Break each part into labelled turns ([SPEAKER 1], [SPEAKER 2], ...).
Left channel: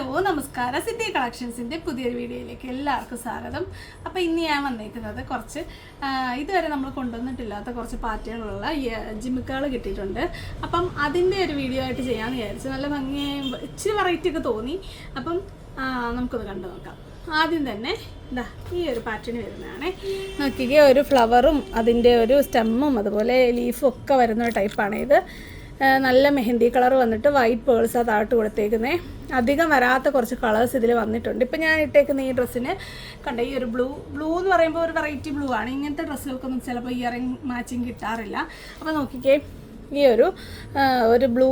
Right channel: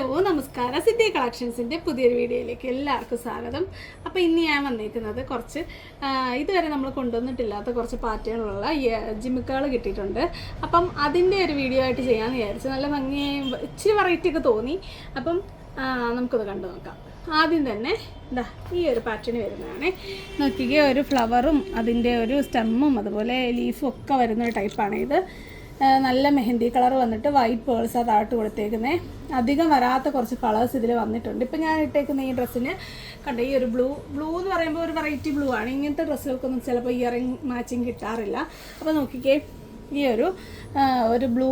[SPEAKER 1] Hello നമസ്കാരം. City കളക്ഷൻസിന്റെ പുതിയൊരു വീഡിയോയിലേക്ക് എല്ലാവർക്കും സ്വാഗതം. അപ്പോൾ ഇന്ന് ഞാൻ വന്നേക്കുന്നത് കുറച്ച് ഇതുവരെ നമ്മൾ കൊണ്ടുവന്നിട്ടില്ലാത്ത കുറച്ച് പാറ്റേണുള്ള ജിമ്മിക്കുകൾ കിട്ടിയിട്ടുണ്ട്. അപ്പം അതിന്റെ ഒരു വീഡിയോ ആയിട്ട് ചെയ്യാമെന്ന് വിചാരിച്ചു. നല്ല ഭംഗിയായി ഇച്ചിരി വെറൈറ്റി ഒക്കെ തോന്നി. അപ്പം നമുക്കത് കണ്ടു നോക്കാം. ആദ്യം തന്നെ ഇതാ ഈ ഒരു പാറ്റേൺ വരുന്നതാണ്. നോക്കിക്കേ ഒരു ഫ്ലവറും അതിന്റെ ഒരു സ്റ്റെമ്മും അതുപോലെ ലീഫും ഒക്കെ വരുന്ന ടൈപ്പാണ് ഇത് നല്ല മെഹന്തി കളർ വന്നിട്ട് വൈറ്റ് പേൾസ് ആ താഴ്ത്ത് കൊടുത്തേക്കുന്നത് അധികം വരാത്ത കുറച്ച് കളേഴ്സ് ഇതിൽ വന്നിട്ടുണ്ട്. ഇപ്പം ഞാൻ ഇട്ടേക്കുന്ന ഈ ഡ്രസ്സിന് കണ്ട ഈ ഒരു ബ്ലൂ ബ്ലൂ എന്ന് പറയുമ്പോൾ ഒരു വെറൈറ്റി ബ്ലൂ ആണ്. ഇങ്ങനത്തെ ഡ്രസ്സുകൾക്കൊന്നും ചിലപ്പോൾ ഇയറിങ് മാച്ചിങ് കിട്ടാറില്ല. അപ്പോൾ നോക്കിക്കേ ഈ ഒരു ഒരു ബ്ലൂ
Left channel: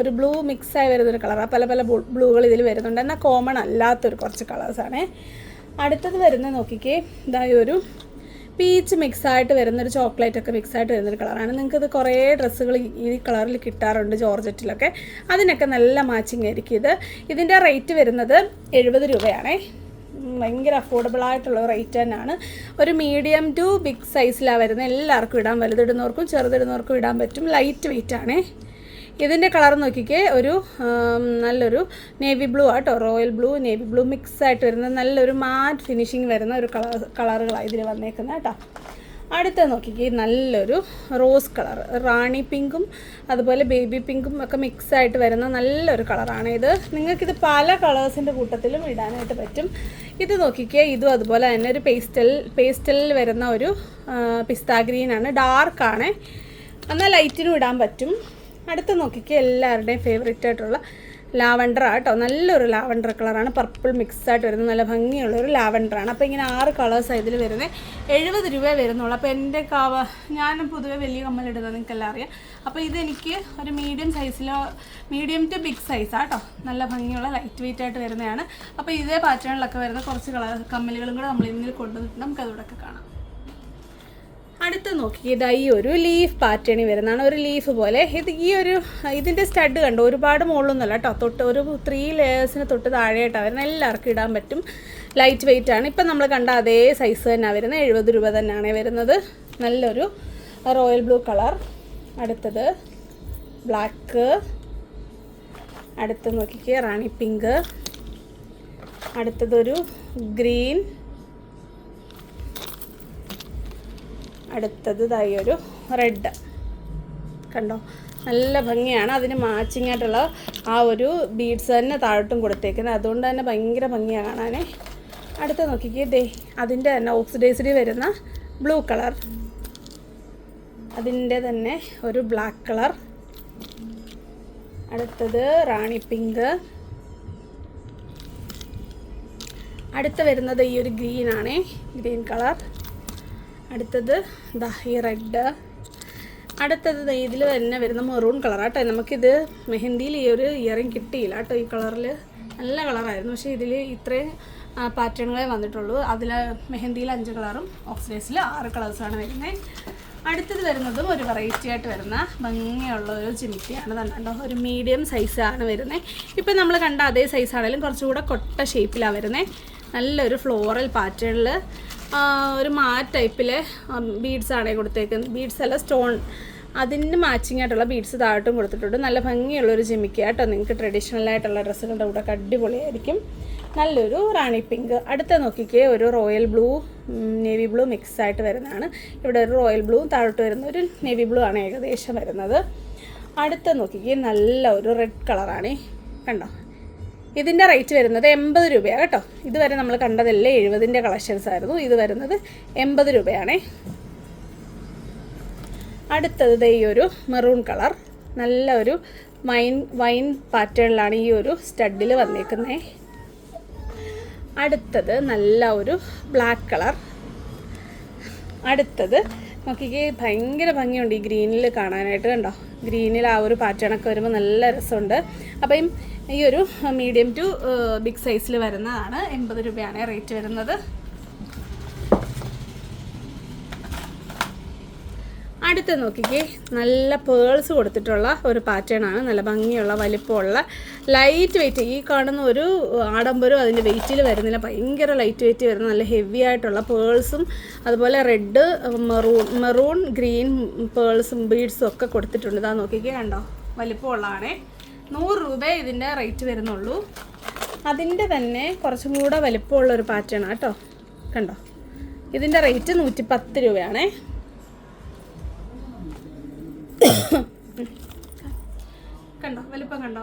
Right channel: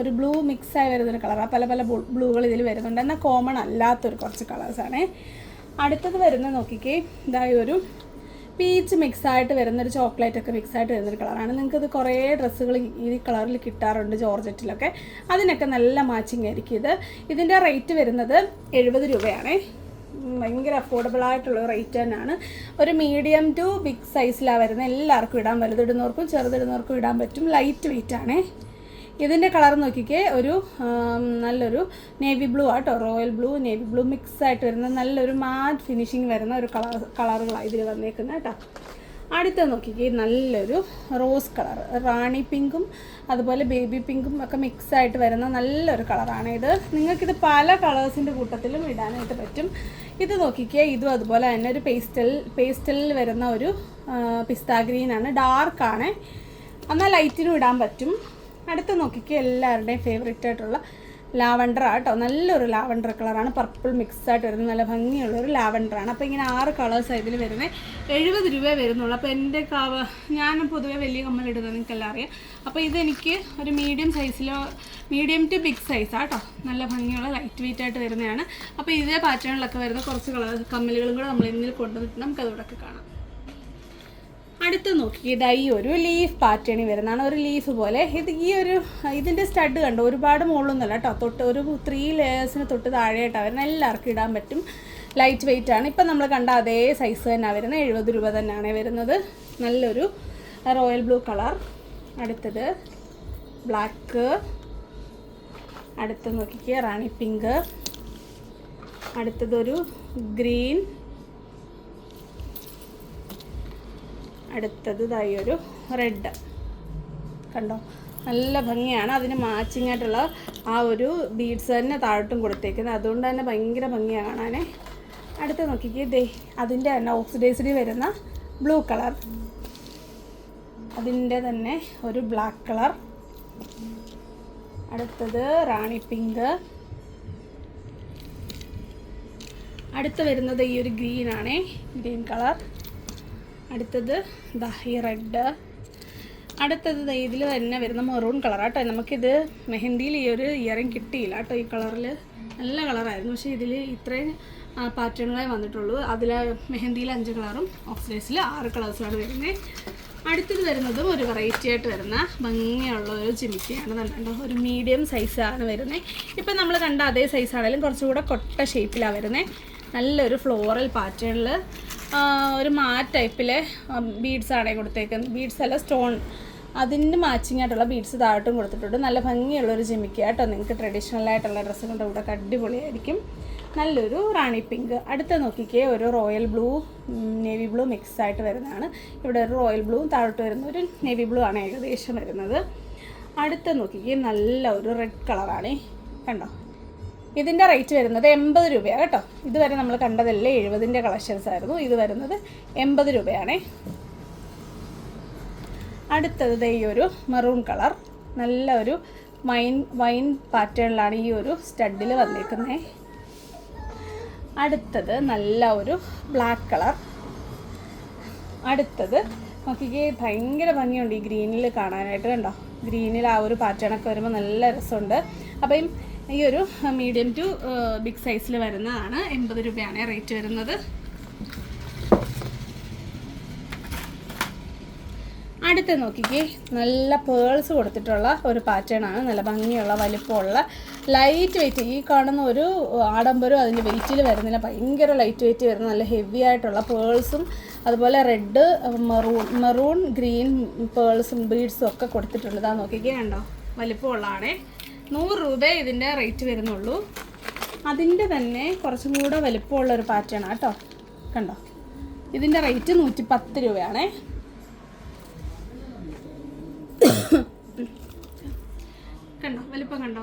[SPEAKER 1] ഒരു ബ്ലൂ മിക്സായി വരുന്നൊരു കളറാണ് പല പല ബ്ലൂകൾ ഇതിൽ വരുന്നുണ്ട്. എന്നാൽ കോമൺ അല്ലാത്തൊരു കുറച്ച് കളേഴ്സാണ് അടുത്തത് വരുന്നത് നോക്കിക്കേ ഇതായ ഒരു പീച്ച് മിക്സ് ആയിട്ട് വരുന്ന ഒരു ചോക്ലേറ്റ് ഒക്കെ മിക്സ് ആയിട്ട് വരുന്നൊരു കളറാണ്. നിങ്ങൾക്ക് ഇത് കുറേ ഡ്രസ്സുകൾ ഈ കളറിൽ കിട്ടാറുണ്ട് ജോർജറ്റിലൊക്കെ. അതിനൊക്കെ നല്ല മാച്ചിങ് ആയിരിക്കും ഇത്. ഇതിന്റെ റേറ്റ് വരുന്നത് എഴുപത് രൂപയാണേ. ഭയങ്കര അഫോർഡബിൾ ആയിട്ടുള്ള റേറ്റ് തന്നെയാണ്. ഒരു മീഡിയം ടു ബിഗ് സൈസിലാണ് വരുന്നത്. എല്ലാവർക്കും ഇടാൻ വലുതിടുന്നവർക്കും ചെറുതിടുന്നവർക്കും ഇടാൻ പറ്റും. ലൈറ്റ് വെയിറ്റ് ആണേ ഇതിന്റെ കളർ നോക്കിക്കേ ഒരു നല്ലൊരു നേവി ബ്ലൂ ആട്ടോ. Royal blue navy blue mix ആയിട്ട് വരുന്ന നല്ലൊരു മാറ്റ് ഫിനിഷിങ് വരുന്ന ഒരു കളർ കളറുകളാണ് ഇതിൽ വന്നേക്കുന്നത് കേട്ടോ. അടുത്ത നോക്കിക്കേ നല്ലൊരു റോസ് കളർ. റാണി പിങ്കും അതുപോലെ ബേബി പിങ്കും ഒക്കെ മിക്സ് ആയിട്ട് വരുന്ന നല്ലൊരു കളറാണ് ഇത്. നിങ്ങൾക്കിത് പല കളേഴ്സിന്റെ കൂട്ടത്തിലും ഇടാനായിട്ട് പറ്റും. ഇത് നോക്കിക്കേ ഇതും അതുപോലെ തന്നെ ഒരു പേസ്റ്റൽ പേസ്റ്റലിൽ വരുന്ന ഒരു പിസ്ത ഗ്രീനാണ്. ഡാർക്കാണ്. എന്നാൽ ലൈറ്റിനും ഇടാൻ പറ്റും. അടുത്ത് നോക്കിക്കുക എല്ലാവരുടെയും ഫേവറേറ്റ് ആയിട്ടുള്ള ലാവണ്ടർ ആട്ടോ നല്ലൊരു ലാവണ്ടർ കളറാണ് പർപ്പിൾ മിക്സ് ആയിട്ട് വരുന്നത്. നല്ല ഭംഗിയുള്ളൊരു ലാവണ്ടറാണ് അപ്പോൾ ഇങ്ങനെ ആറ് കളേഴ്സ് ഇതിൽ വരുന്നത് എഴുപത് രൂപ വരുന്നുള്ളൂ. അപ്പോൾ എന്റെ കാവ ഞാൻ പൊതുവേ വലിയ കമ്മലിടുന്നത് നിങ്ങൾക്കെല്ലാം അറിയാം. അപ്പോൾ ഇതെനിക്ക് ഒരു മീഡിയം സൈസിലോ മീഡിയം ടു ബിഗ് സൈസ് ആട്ടോ നല്ല ഭംഗിയുള്ള ലൈറ്റ് വെയിറ്റ് ആയിട്ട് വരുന്നതാണ്. അപ്പോൾ ഇതേ പാറ്റേണിലൊക്കെ വരുന്ന കുറച്ച് കളർ കമ്മലുകളും കൂടെ നമ്മൾ ഇന്നിൽ കൊണ്ടുവന്നിട്ട് നമുക്കതോടൊക്കെ കാണാം. അടുത്ത് നോക്കി. ഇതാ ഈ ഒരു ലീഫ് പാറ്റേണിൽ വരുന്നതാണ് ഒരു ലീഫ് പോലെ. ഇത് ഈ ഒരു ഇതിന്റെ സ്റ്റഡ് കണ്ടോ? ഒരുപാട് മുകളിലൊന്നുമല്ല കേട്ടോ തൊട്ട് ഒരു ത്രീ ലെയേഴ്സിന് തൊട്ട് താഴെയായിട്ടാണ് വരുന്നത് എല്ലാവർക്കും ഇടാൻ പറ്റും. ലൈറ്റ് വെയിറ്റ് ആണ്. ഇപ്പം നമ്മൾ കണ്ട അതേ സൈസ് തന്നെ വരുന്നത് എഴുപത് രൂപ തന്നെയാണ് വരുന്നത്. നല്ലൊരു റോയൽ ബ്ലൂ കളർ അടുത്തത് ബ്ലാക്ക് അടുത്ത് നോക്കിക്കുക റാണി പിങ്ക് അടുത്തതൊരു ഗ്രീൻ അടുത്തത് ഇതായി ഒരു റെഡ് കണ്ടോ? നല്ല ഭംഗിയാണ്. അതിന് മാച്ചിങ് ആയിട്ടുള്ള ആ ഒരു ബീഡ്സ് തന്നെ താഴോട്ടും കൊടുത്തേക്കുന്നത്. അതുകൊണ്ട് തന്നെ ഭയങ്കര ഭംഗിയാണ് കാണാൻ അടുത്ത് നോക്കിക്കേ. ദേ അതിന്റെ തന്നെ ഓക്സിഡൈസ്ഡ് വരുന്ന ബ്ലൂ കളർ അതിന്റെ തന്നെ ഒരു ബ്ലാക്ക് കളർ അടുത്തത് റാണി പിങ്ക് അടുത്ത് വരുന്നത് ഈ ഒരു ഗ്രീൻ ഗ്രീൻ കളർ അടുത്തത് ദാ ഈ റെഡ്. അടുത്തത് ഇതിൽ തന്നെ വരുന്ന മെറൂൺ കളർ കേട്ടോ. നമുക്കിത് മെഹന്തിയിൽ ഈ ഒരു ഇയറിങ് കിട്ടിയില്ല കേട്ടോ ഈ കളറിൽ നല്ല കളറായിരുന്നു. പക്ഷേ ഇതിൽ ഇത്രയും പാറ്റേണുകളെ വന്നിട്ടുള്ളൂ. അതിൽ മെഹന്തിയിൽ അഞ്ച് കളറും ഓക്സിഡൈസിൽ ആറ് കളേഴ്സാണ് വരുന്നത് അടുത്തത് വരുന്നതും ഒരു വെറൈറ്റി ആയിട്ട് വരുന്ന ഭംഗിയുള്ള ഒരു ജിമിക്കിയാണ് കണ്ടോ ഒരു മീഡിയം സൈസാണ് വരുന്നത് ഇപ്പം നമ്മൾ കണ്ട അതേ സൈസാണെങ്കിലും കുറച്ചുകൂടെ കൊട്ട ഷേപ്പിലാണ് വരുന്നത് നല്ലൊരു ഫ്ലോറൽ പാറ്റേണിൽ ഒരു മാറ്റ് ടൈപ്പിലെ ബീഡ്സ് ആണ് കൊടുത്തേക്കുന്നത്. ബീഡ്സ് അല്ല സ്റ്റോൺ അതിന് മാച്ചിങ് ആയിട്ടുള്ള ബീഡ്സ് താഴോട്ടും കൊടുത്തിട്ടുണ്ട്. നല്ല ഭംഗിയുള്ളൊരു ജിമിക്ക കേട്ടോ നിങ്ങൾക്ക് ട്രഡീഷണൽ ആയിട്ടുള്ള ഡ്രസ്സുകളുടെ കൂടെ അടിപൊളിയായിരിക്കും. നല്ലൊരു റാണി പിങ്ക്. അടുത്ത നോക്കിക്കേ ഒരു royal blue navy blue mix ആയിട്ട് വരുന്നതാണ്. ഇവിടെ ഒരു റോയൽ ബ്ലൂ താഴോട്ട് വരുന്ന ഒരു നേവി ബ്ലൂ ആണ് ഏകദേശം വരുന്നത്. അടുത്ത നോക്കിക്കേ നല്ല ഒരു റെഡ് കളറാണ് കണ്ടോ? ഇതിന്റെ റേറ്റ് വരുന്നത് എൺപത് രൂപയാണ് കേട്ടോ. ഇതുവരെ നമ്മൾ കണ്ടതല്ലേ എഴുപതിന്റെ കളക്ഷൻസ് ആയിരുന്നു. ഇത് വരുന്നത് എൺപത് രൂപയാണേ. അടുത്തത് ഈ ഒരു മെറൂൺ കളർ നല്ല ഒരു വൈൻ വൈൻ പാറ്റേണിലാണ് ഈ ഒരു സ്റ്റഡിൽ വന്നേക്കുന്നത് അടുത്തത് നല്ല ഒരു ബ്ലാക്ക് കളർ അടുത്തത് നോക്കിക്കേ ഭയങ്കര ഭംഗിയുണ്ട് ഈ ഗ്രീനിൽ കാണാനായിട്ട് കണ്ടോ. ഗ്രീനിൽ ആ ഒരു പാറ്റേണൊക്കെ വരുമ്പോൾ നല്ല രസമുണ്ട്. അപ്പം ഈ ഒരു മീഡിയം ടു ബിഗ് സൈസിൽ വരുന്നതാണ് എൺപത് രൂപയാണ് റേറ്റ് വരുന്നത്. അടുത്ത നോക്കിക്കേ നല്ല പേൾസ് കൊടുത്തിട്ടുള്ള ഒരു പാറ്റേൺ ആണ്. നല്ല ഭംഗിയുള്ള വലിപ്പമുള്ള ലൈറ്റ് വെയിറ്റ് ഈ കാണുന്ന ഒരു ആഡംബരം അതിന്റെ വെയിറ്റിൽ വരുന്നില്ല. ഭയങ്കര ലൈറ്റ് വെയിറ്റ് വരുന്ന നല്ല ഹെവി ആയിട്ടുള്ള പേൾസും അതുപോലെ റെഡ് മെറൂൺ മെറൂൺ ഗ്രീൻ പേൾസും ബീഡ്സും ഒക്കെ കൊടുത്തിട്ടുണ്ട്. ഇതാ നോക്കിക്കേ കണ്ടോ? വലിപ്പമുള്ളതാണേ. നൂറ് രൂപ ഇതിന്റെ റേറ്റ് വരുന്നുള്ളൂ. അതിന്റെ തന്നെ കുറച്ചും കൂടെ വലിപ്പമുള്ള ഒരു പാറ്റേൺ കേട്ടോ. കണ്ടോ? ഇതിന്റെ റേറ്റ് നൂറ്റി പത്ത് രൂപയാണേ. കണ്ടോ? വലിപ്പം കണ്ടോ?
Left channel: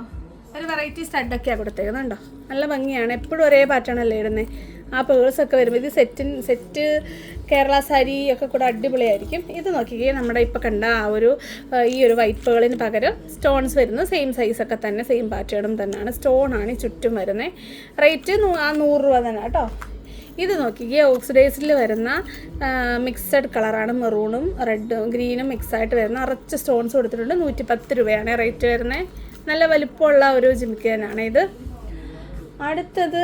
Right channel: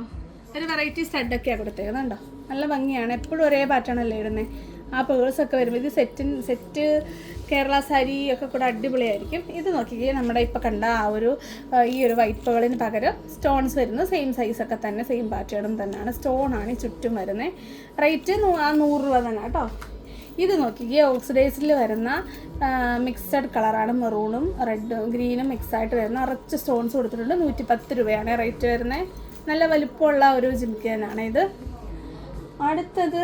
[SPEAKER 1] ഒരു വെറൈറ്റി സ്റ്റഡൊക്കെയാണ് കൊടുത്തേക്കുന്നത് കണ്ടോ? നല്ല ഭംഗിയാണ്. എപ്പോഴും ഒരേ പാറ്റേൺ അല്ലേ ഇടുന്നത് ആ പേഴ്സൊക്കെ വരുമ്പോൾ ഇത് സെറ്റിൻ സെറ്റ് കേരള സാരി ഒക്കെ കൂടെ അടിപൊളിയായിരിക്കും. ഇത് നോക്കിക്കേ നമ്മുടെ ഇപ്പോൾ കണ്ട ആ ഒരു ഈ ഒരു വൈപ്പുകളിന് പകരം സ്റ്റോൺസ് വരുന്നത് സെയിം സൈസൊക്കെ തന്നെ സെയിം പാറ്റേണും തന്നെയാണ്. സ്റ്റോണാണ് ഈ ചുറ്റും വരുന്നത് റേറ്റ് നൂറ് രൂപ തന്നെ കേട്ടോ. ഇത് നോക്കിക്കുക ഓക്സിഡൈസിൽ വരുന്ന മിക്സഡ് കളറാണ് മെറൂണും റെഡും ഗ്രീനും മിക്സായിട്ട് വരുന്ന നിറച്ച് സ്റ്റോൺസ് കൊടുത്തിട്ടുണ്ട്. നൂറ്റി പത്ത് രൂപയാണ് റേറ്റ് വരുന്നത് നല്ല വലിപ്പമുള്ള ഒരു ജിമിക്ക് തന്നെയാണ് ഇത്. അടുത്തത്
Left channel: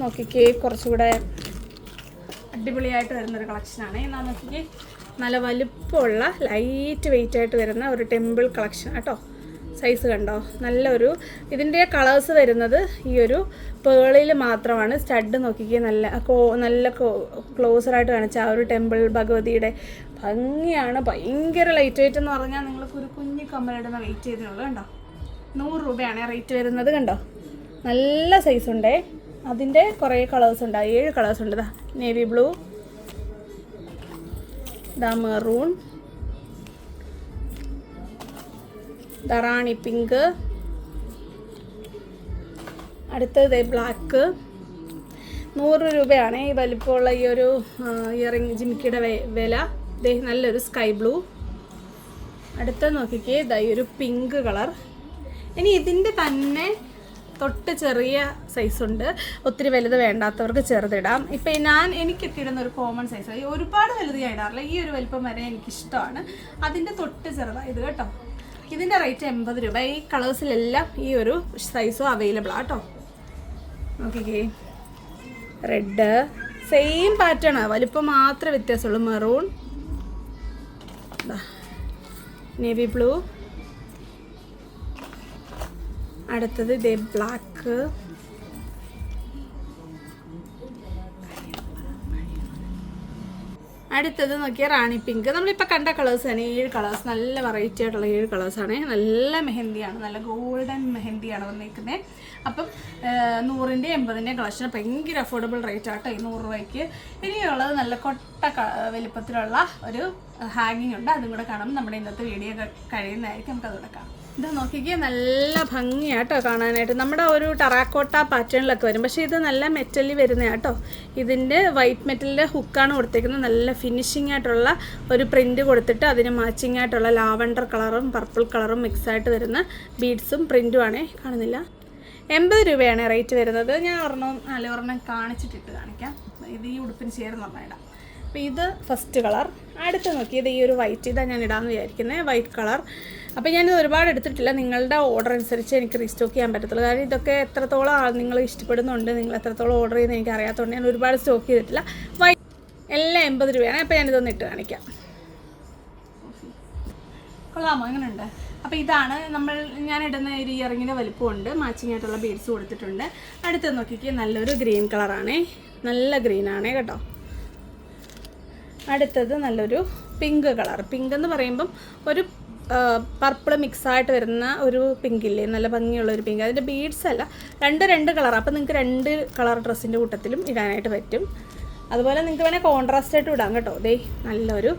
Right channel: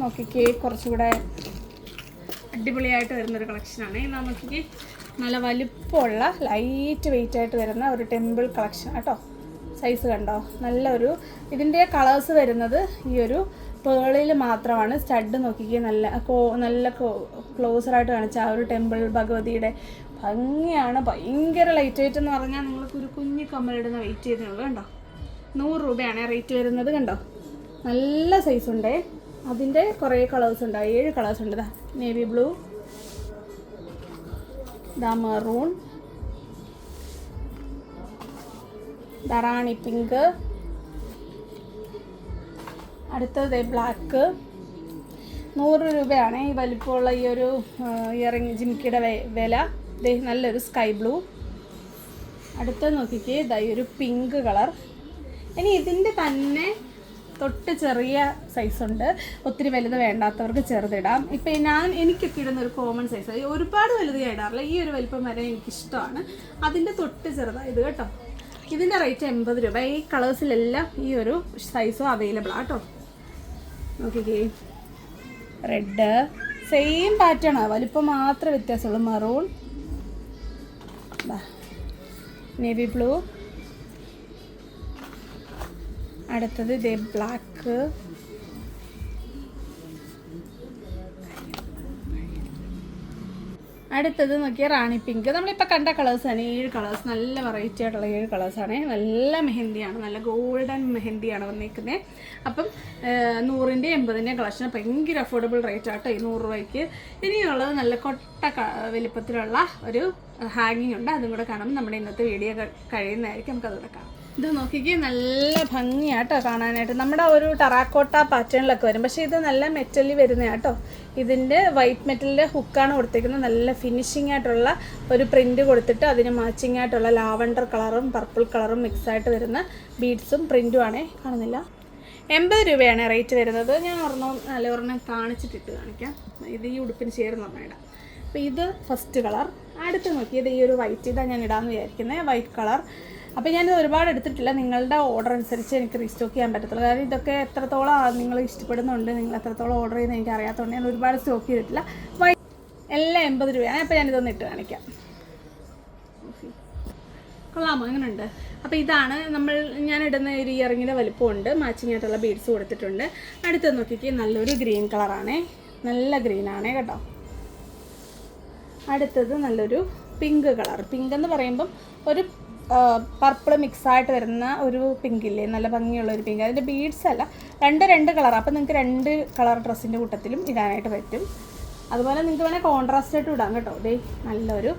[SPEAKER 1] നോക്കിക്കേ കുറച്ചുകൂടെ അടിപൊളിയായിട്ട് വരുന്നൊരു കളക്ഷനാണ്. നോക്കിക്കേ നല്ല വലിപ്പമുള്ള ലൈറ്റ് വെയിറ്റ് ആയിട്ട് വരുന്ന ഒരു ടെമ്പിൾ കളക്ഷൻ കേട്ടോ സൈസ് കണ്ടോ? നല്ലൊരു ഇതിന്റെ കളേഴ്സ് വരുന്നത് ഈ ഒരു പേളിൽ മാത്രമാണ്. സ്റ്റഡ് നോക്കിക്കുക നല്ല കോ നല്ല ക്ലോസറായിട്ട് കാണിച്ച ആ ഒരു ടെമ്പിൾ ഭഗവതിയുടെ ഭംഗിയാണ്. ഭയങ്കര ലൈറ്റ് വെയിറ്റ് എന്ന് പറഞ്ഞാൽ നിങ്ങൾക്ക് ഒരു കുഞ്ഞു കമ്മലിടുന്ന വെയിറ്റ് ചെയ്തിട്ടുള്ളൂ കണ്ടോ? നൂറ് രൂപയാണ് റേറ്റ് വരുന്നത് കണ്ടോ? നല്ല സൈസ് ഉണ്ടേ. അതിന്റെ കുറേ കളേഴ്സ് ഉണ്ട്. ഏഴ് കളേഴ്സ് ഉണ്ട് നേവി ബ്ലൂ ദാ മെറൂൺ റാണി പിങ്ക് അടുത്തത് ബ്ലാക്ക് നൂറ് രൂപയാണ് ഈ വലിപ്പമുള്ള ഈ ഒരു ഇയറിങ് ജിമിക്കിയുടെ വില. നല്ലൊരു സ്കൈ ബ്ലൂ അടുത്ത നോക്കിക്കേ ഇതായി ഒരു പിങ്ക് കളർ ഇനി ഇതിന്റെ തന്നെ തൊട്ട് ചെറിയ സൈസ് ഉണ്ട്. ഒത്തിരി വലുത് വേണ്ടാത്തവർക്ക് ചെറുതിടാം. ഇപ്പം ഞാൻ എനിക്കൊക്കെ ഇടുന്ന ഒരു കോമൺ സൈസ് ഒരുപാട് വലുത് ഞാൻ ഇടാറില്ല. ഈ ഒരു വലിപ്പം വരെ എനിക്കിഷ്ടമാണ്. അതിന്റെ തൊട്ട് ചെറുതാണ് ഇത് കേട്ടോ. ഇതിന്റെ റേറ്റ് എൺപത് രൂപ. ഈ കളേഴ്സിലെല്ലാം ഈ ഒരു സൈസും അവൈലബിൾ ആട്ടോ നോക്കിക്കേ. റെഡ് സെയിം പാറ്റേൺ വലിപ്പം മാത്രമേ വ്യത്യാസമുള്ളൂ. മെറൂൺ നേവി ബ്ലൂ അടുത്തത് ഇതേ ബ്ലാക്ക് അടുത്തത് നോക്കിയാൽ റാണി പിങ്ക് നമ്മളിപ്പോൾ കണ്ട കളേഴ്സ് ആണ്. ഏഴ് കളേഴ്സ് നല്ല വെറൈറ്റി ആയിട്ടുള്ള ഏഴ് കളേഴ്സാണ് നല്ല മെഹന്തിയാണ്. നല്ല ഗോൾഡൻ മെഹന്തിയാണ് വന്നിരിക്കുന്നത് അപ്പം നൂറിന്റെ എൺപതിന്റെ കളക്ഷൻ ഭയങ്കര അഫോർഡബിൾ റേറ്റ് ആട്ടോ. ഈ നൂറ് രൂപയ്ക്ക്. ഇനിയുള്ളത് നല്ല കൊട്ട വലിപ്പത്തിലുള്ള ഒരു ഹാങ്ങിങ് ഉണ്ട്. അതും കൂടെ കാണുമ്പോൾ നമ്മുടെ ഇന്നത്തെ വീഡിയോ കഴിയുന്നതായിരിക്കും. നമുക്ക് അതുകൂടെ കാണാം. ഇത് നോക്കിക്കേ നല്ല ഭംഗിയാട്ടോ കാണാനായിട്ട്. നമ്മുടെ ഒരു ടറാക്കോട്ട പാറ്റേണിലൊക്കെ വരും. പക്ഷേ ഇത് നല്ല മെറ്റലിൽ വരുന്ന കേട്ടോ ഇതിന്റെ വൈറ്റ് മെറ്റലിന്റെ ഹുക്കാണ് കൊടുത്തേക്കുന്നത്. നല്ല ഫിനിഷിംഗ് ആയിട്ടുള്ള ഒരു പ്രിന്റ് കൊടുത്തിട്ട് അതിന് മാച്ചിങ് ആയിട്ടുള്ള ലാവണ്ടർ കളറും പർപ്പിൾ കളറും മിക്സ് ആയിട്ട് വരുന്ന ബീഡ്സും പ്രിന്റും ആണേ കാണുന്നില്ല. എൺപത് രൂപയാണ് റേറ്റ് വരുന്നത്. ഞാൻ ഒരെണ്ണം നല്ല ഒരെണ്ണം കാണിച്ചിട്ടിട്ട് കാണിക്കാം. ഇത് ഈ ഉടുപ്പിന് ചേർന്ന് ഒരെണ്ണം അപ്പോൾ ഇത് ഫസ്റ്റ് കളർ. അടുത്ത് നോക്കിയത് ഈ ഒരു വൈറ്റ് ഇതാണ് ഞാൻ ഇടാമെന്ന് വിചാരിക്കുന്നത് വൈറ്റ് കളർ അപ്പോൾ ഞാനിത് ഒരുപാട് എടുത്തിട്ടില്ല. നിങ്ങളുടെ ഓർഡർ അനുസരിച്ച് എനിക്ക് റീസ്റ്റോക്ക് ചെയ്യാൻ പറ്റത്തുള്ളൂ. കാരണം ഇതൊക്കെ എത്രത്തോളം നിങ്ങൾ ഇഷ്ടപ്പെടുന്നുണ്ട് നിങ്ങൾ എത്രത്തോളം ഓർഡർ ചെയ്യുന്നത് എനിക്ക് അറിയാത്തതുകൊണ്ട് ഞാൻ ഒരുപാട് സ്റ്റോക്ക് ചെയ്തിട്ടില്ല. വൈറ്റ് എല്ലാം എൺപത് രൂപയാണ്. അപ്പോൾ ഞാനിതൊന്ന് ഇട്ട് കാണിക്കാം. കൊള്ളാമോ? അങ്ങനെ ഉണ്ട് അപ്പോൾ ഇതാണ് നമ്മൾ ഞാൻ ഇടുന്ന ഒരു ഇയറിങ്ങിന്റെ വലുപ്പമുണ്ട്. മാച്ചിങ് ആയിട്ടുള്ള ബീഡ്സ് കൊടുത്തിട്ടുണ്ട്. അടുത്ത് നോക്കിക്ക്. നല്ലൊരു ഗ്രീൻ കളറാണേ നല്ല ഗ്രീനാണേ കേട്ടോ. അടുത്തത് നല്ലൊരു പിങ്ക് കളർ പിങ്ക് എന്ന് പറയുമ്പം ഒരു പർപ്പിൾ മിക്സായിട്ട് വരുന്ന ഒരു പിങ്കില്ലേ നല്ല ഭംഗിയുള്ള ഒരു പിങ്ക് അതിന്റെ ബീഡ്സ് അല്ല രണ്ട് രണ്ട് കളർ അപ്പോൾ നിങ്ങൾക്ക് രണ്ട് കളർ ഡ്രസ്സിന്റെ കൂട്ടത്തിലും ഇടാനായിട്ട് പറ്റും. അതുപോലെ നിങ്ങൾക്ക് വേണേൽ കോൺട്രാസ്റ്റ് ആയിട്ട് ഇടാം കേട്ടോ. ദേ നല്ലൊരു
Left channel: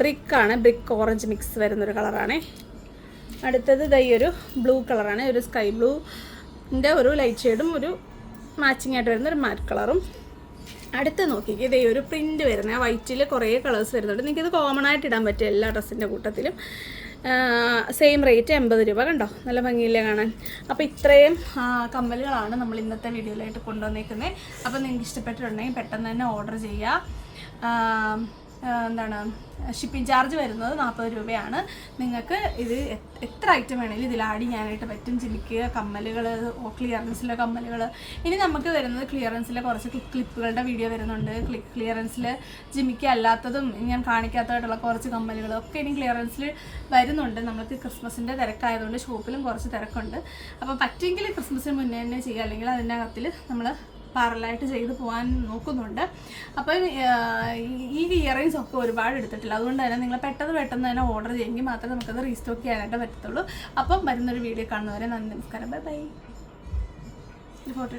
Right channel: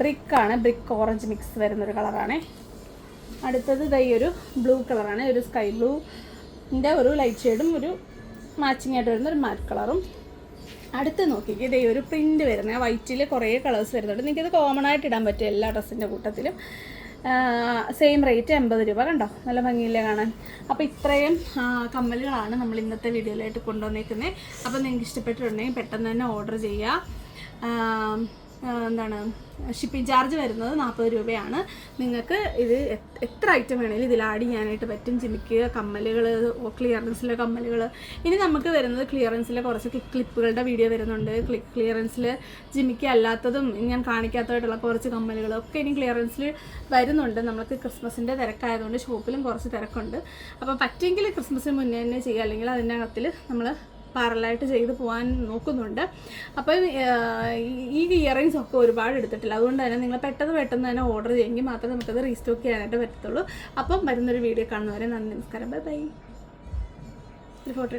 [SPEAKER 1] ബ്രിക്കാണ് ബ്രിക്ക് ഓറഞ്ച് മിക്സ് വരുന്നൊരു കളറാണ് അടുത്തത് ഇതാ ഈ ഒരു ബ്ലൂ കളറാണ് ഒരു സ്കൈ ബ്ലൂന്റെ ഒരു ലൈറ്റ് ഷെയ്ഡും ഒരു മാച്ചിങ് ആയിട്ട് വരുന്ന ഒരു മാറ്റ് കളറും അടുത്ത് നോക്കിക്കേ. ഇതേ ഒരു പ്രിന്റ് വരുന്നത് ആ വൈറ്റിൽ കുറേ കളേഴ്സ് വരുന്നുണ്ട്. ഇത് കോമൺ ആയിട്ട് ഇടാൻ പറ്റും എല്ലാ ഡ്രസ്സിന്റെ കൂട്ടത്തിലും. സെയിം റേറ്റ് എൺപത് രൂപ കണ്ടോ? നല്ല ഭംഗിയില്ലേ കാണാൻ. അപ്പോൾ ഇത്രയും കമ്മലുകളാണ് നമ്മൾ ഇന്നത്തെ വീഡിയോയിലായിട്ട് കൊണ്ടുവന്നേക്കുന്നത് അപ്പോൾ നിങ്ങൾക്ക് ഇഷ്ടപ്പെട്ടിട്ടുണ്ടെങ്കിൽ പെട്ടെന്ന് തന്നെ ഓർഡർ ചെയ്യുക എന്താണ് ഷിപ്പിംഗ് ചാർജ് വരുന്നത് നാൽപ്പത് രൂപയാണ്. നിങ്ങൾക്ക് ഇത് എത്ര ഐറ്റം വേണമെങ്കിലും ഇതിൽ ആഡ് ചെയ്യാനായിട്ട് പറ്റും. ജിമിക്ക് കമ്മലുകൾ ക്ലിയറൻസിലെ കമ്മലുകൾ ഇനി നമുക്ക് വരുന്നത് ക്ലിയറൻസിലെ കുറച്ച് ക്ലിപ്പുകളുടെ വീഡിയോ വരുന്നുണ്ട്. ക്ലി ക്ലിയറൻസിൽ ജിമിക്ക് അല്ലാത്തതും ഞാൻ കാണിക്കാത്തതായിട്ടുള്ള കുറച്ച് കമ്മലുകൾ ഒക്കെ ഇനി ക്ലിയറൻസിൽ വരുന്നുണ്ട്. നമുക്ക് ക്രിസ്മസിന്റെ തിരക്കായതുകൊണ്ട് ഷോപ്പിലും കുറച്ച് തിരക്കുണ്ട്. അപ്പോൾ പറ്റുമെങ്കിൽ ക്രിസ്മസിന് മുന്നേ തന്നെ ചെയ്യുക. അല്ലെങ്കിൽ അതിനകത്തിൽ നമ്മൾ പാരലായിട്ട് ചെയ്തു പോകാൻ നോക്കുന്നുണ്ട്. അപ്പം ഈ- ഇയറിങ്സ് ഒക്കെ ഒരുപാട് എടുത്തിട്ടില്ല. അതുകൊണ്ട് തന്നെ നിങ്ങൾ പെട്ടെന്ന് പെട്ടെന്ന് തന്നെ ഓർഡർ ചെയ്യുമെങ്കിൽ മാത്രമേ നമുക്കത് റീസ്റ്റോക്ക് ചെയ്യാനായിട്ട് പറ്റത്തുള്ളൂ. അപ്പം വരുന്നൊരു വീഡിയോ കാണുന്നവരെ നന്ദി നമസ്കാരം. Bye bye photo